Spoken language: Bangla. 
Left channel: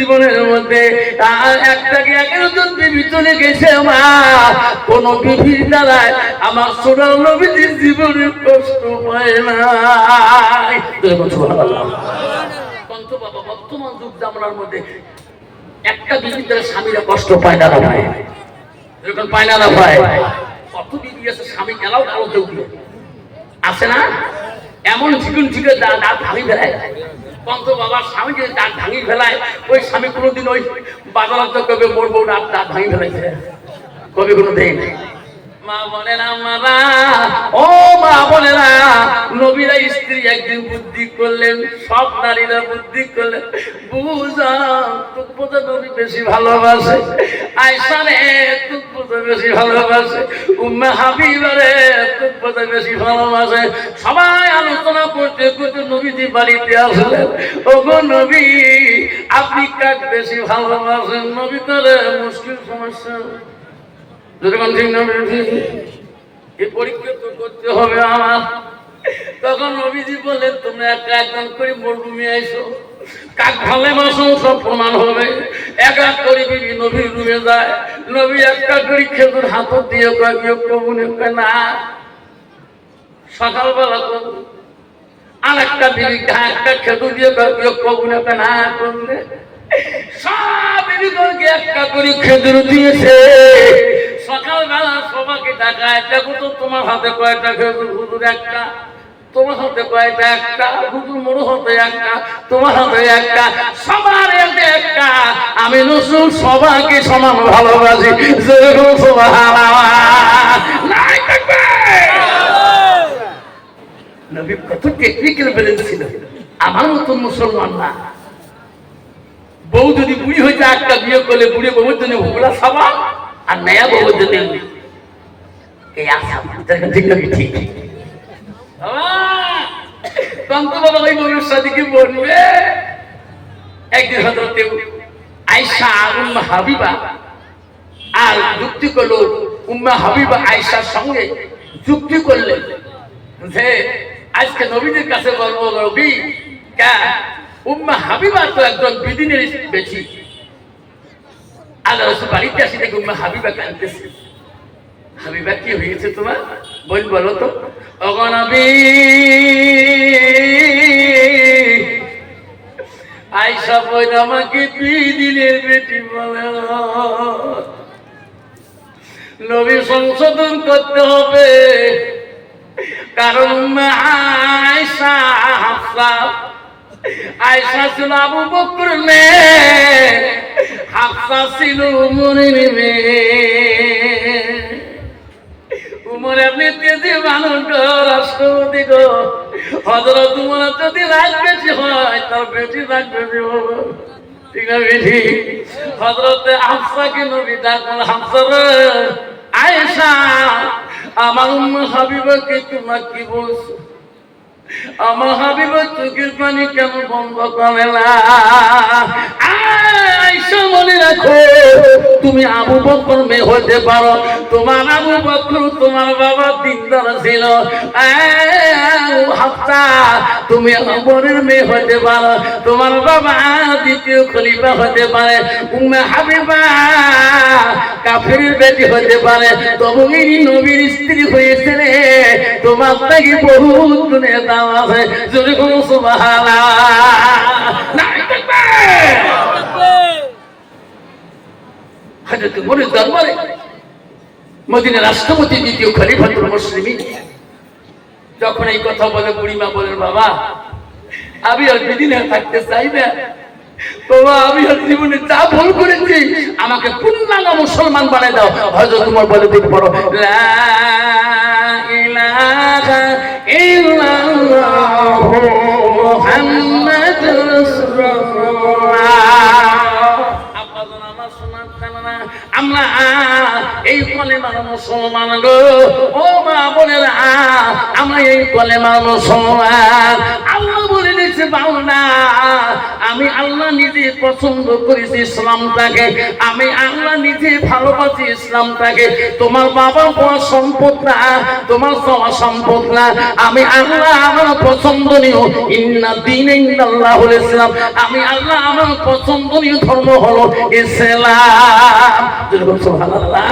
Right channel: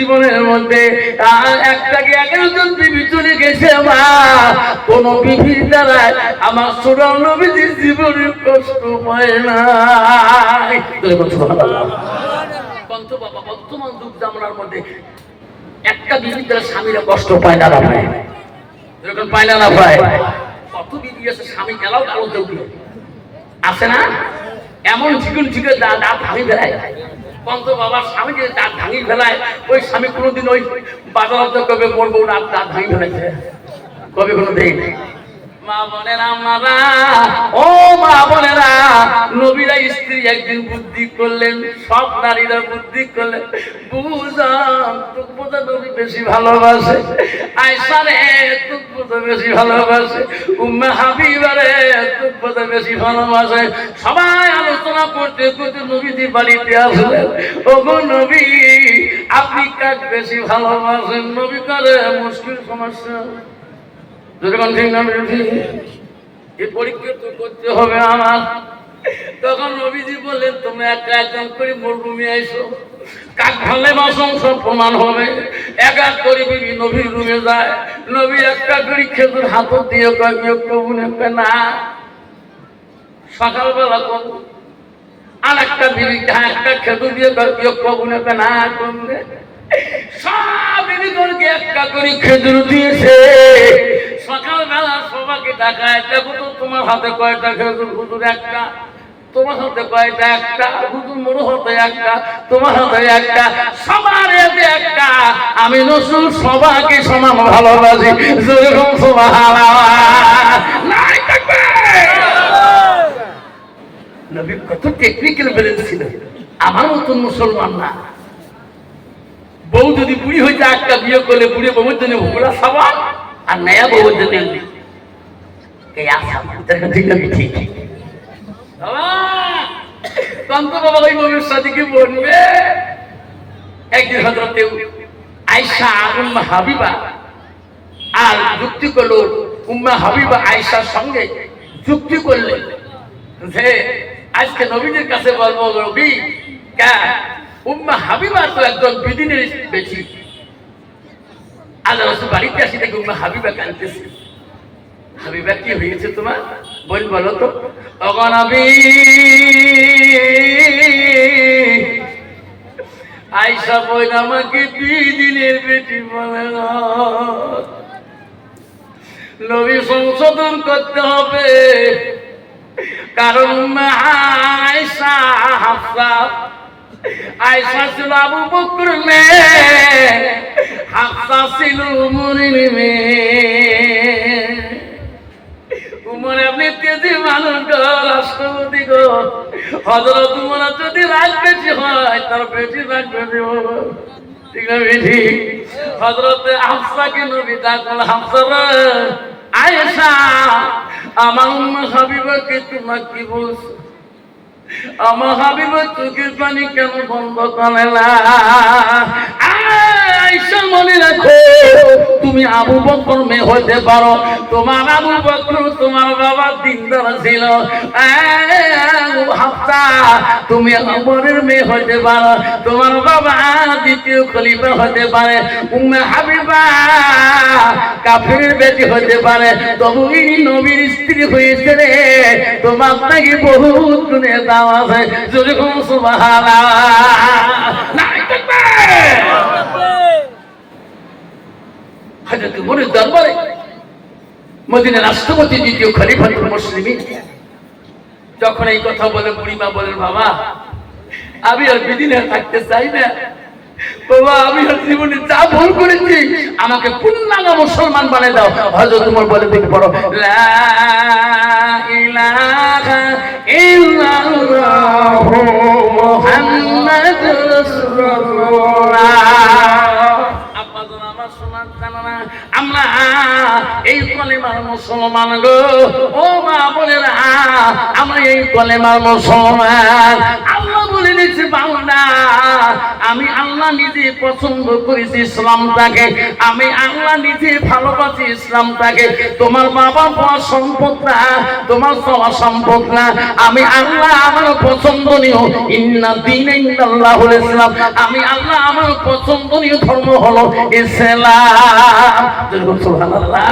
জীবনের মধ্যে একটাকে 11 জন বিবি চলে গেছে মা, কোন বিবির দ্বারায় আমার সোনার নবীজির জীবনের কষ্ট হয় না। কন্ত বাবা, বর্তমান যুগ জামানার মধ্যে একটা বিবির দ্বারা স্বামীরা কষ্ট পায় না ভাই, এরকম পায় না ভাই। কত বিবি আছে স্বামী এলাও আলোতে উঠলো আছে না, এমন চিকন চিকন দাঁত ভাঙি ফেলায়। কন্ত বাবার স্বামী যদি দাঁত ভাঙি ফেলায়, ওই স্বামী কোনোদিন ওই বাজার কবে মরবো দাঁত ভাঙি ফেলাইছে কবে কোনো দেয়। মা বোনেরা, মারা ও মা বোনেরা, নবীরা স্ত্রী একদিন বুদ্ধি করলেন, সব নারীরা বুদ্ধি করলেন, বুঝান তুকবোঝা নবী বেশি ভালোবাসে, আয়েশা রে তুকবোঝা বেশি ভালোবাসে, উম্মে হাবিবা রে তুকবোঝা বেশি ভালোবাসে। সবাই আলোচনা করতে করতে নবীজি বাড়িতে আসলেন। ওগো নবী, আপনি কাক বেশি ভালোবাসেন? নবী করে মুশকিল সমস্যা, এই পরীক্ষা তো করতে হবে আমার। তখন নবীজি বললেন, তোমরা একটা একজন করে মরুভূমি আইসো, কাক ভালোবাসো সব প্রমাণ হবে। এক এক করে বিবি নবীর রুমে যায়, নবী একটা করে খেজুর হাত দিয়ে কবুনে না, সকালবেলা কবু আর একটা বিবি একটা খেজুর দিয়ে কবুনে না করলে সব বিবিকে একটা করে খেজুর দিয়েছে। সকালবেলা সবাইকে ডাকায়, দেখো তো তোমার হাতে কয়টা খেজুর? হুজুর একটা। তোমার হাতে কয়টা? একটা। হুজুর মোর হাতে একটা, তোমার হাতে একটা, সবার হাতে একটা। আমি রাসূল সবাইকে সমান ভালোবাসি। নাই থাকবে। নবী কত টেকনিক্যাল ব্রেন ছিল, আমার মতন মুসলমান না। বউ যদি বুড়ি হইতে একটা বিয়ে করলে বুড়ি বউর জন্য হুগলা সাবান, আর নয়া বউর জন্য এই আশা ঠিক নাকি? ঠিক কন্ত বাবা ওই বউর সাথে কি বলবে? একদিন হযরত আয়েশা উম্মে হাবিবা আর যুক্তি করলো, উম্মে হাবিবা আয়েশার সঙ্গে যুক্তি করলেন যে আজকে নবীদের কাছে বলবো, নবী কে উম্মে হাবিবা তো একজন বিদিনের বেশি। আল্লাহ রাসূল বাড়িতে আসি দেখে উম্মে হাবিবা কাঁদতেছে। হাবিবা কি হয়েছে তোমার? বলো তো। ওগো নবী, আয়েশা বইন আমাকে 2 দিনের বেটি বলে না। নবী সংশোধন করতে হবে, কারণ উম্মে আয়েশা হাফসা, আয়েশা ছিল আবু বকরের মেয়ে, হাফসা ছিল উমরের মেয়ে। উমর এমনি তেজি মানুষ গো, রাষ্ট্রপতি গো। হযরত উমর যদি রাগ বেশি হয়, তার বেশি রাগ বেশি হবে, ঠিক না বেশি? হযরত হাফসাকে নবী ডাকলেন, হাফসা রে, আয়েশা আমার উম্মে হাবিবাকে তোমার কি বলছো? আমার হাবিবের চোখের পানি কেন বন্ধ করে না? আয়েশা মনে রাখো, তুমি আবু বকর মেয়ে হতে পারো, তোমার আবু বকর তোমার বাবা দিনদার ছিল। হাফসা তুমি ওমরের মেয়ে হতে পারো, তোমার বাবা দ্বিতীয় খলিফা হতে পারে। উম্মে হাবিবা কাফিরের বেটি হতে পারে, তবু এই নবীর স্ত্রী হয়েছে রে। তোমার নাকি বহুত গুণে দাম আছে, যদি কোনো সুবহানাল্লাহ নাই থাকবে। হযরত উমরের দরবারে মদিনার রাষ্ট্রপতি দ্বিতীয় খলিফাতুল মুসলিমিন যখন এই কথা বলে, বুড়িমা বলেন, বাবা আমি আর বিদিনে থাকতে চাই না। বাবা আমি আর জীবনে যা ভুল করেছি, আমাকে পূর্ণাঙ্গ মুসলমান বানিয়ে দাও। হযরত উমর বলে, বলতে পারো লা ইলাহা ইল্লাল্লাহু মুহাম্মাদুর রাসূলুল্লাহ। আব্বাজান আমার সোনার জানানা, আমরা এই কলেমার মুসলমান গো। ও মা বোনেরা, আমরা এই কলেমার মুসলমান। আল্লাহ বলে দিয়েছে বান্দা, আমি আল্লাহ নিজে পছন্দ করেছি ইসলামটাকে, আমি আল্লাহ নিজে ভালোবাসি ইসলামটাকে। তোমার বাবা মা সম্পদ না, তোমার সবার সম্পদ না, আমি আল্লাহ আমার পছন্দনীয় ইন্না দীনা ইন্দাল্লাহুল ইসলাম, আমি আল্লাহ আমার পছন্দনীয় ধর্ম হলো ইসলাম। সুবহানাল্লাহ।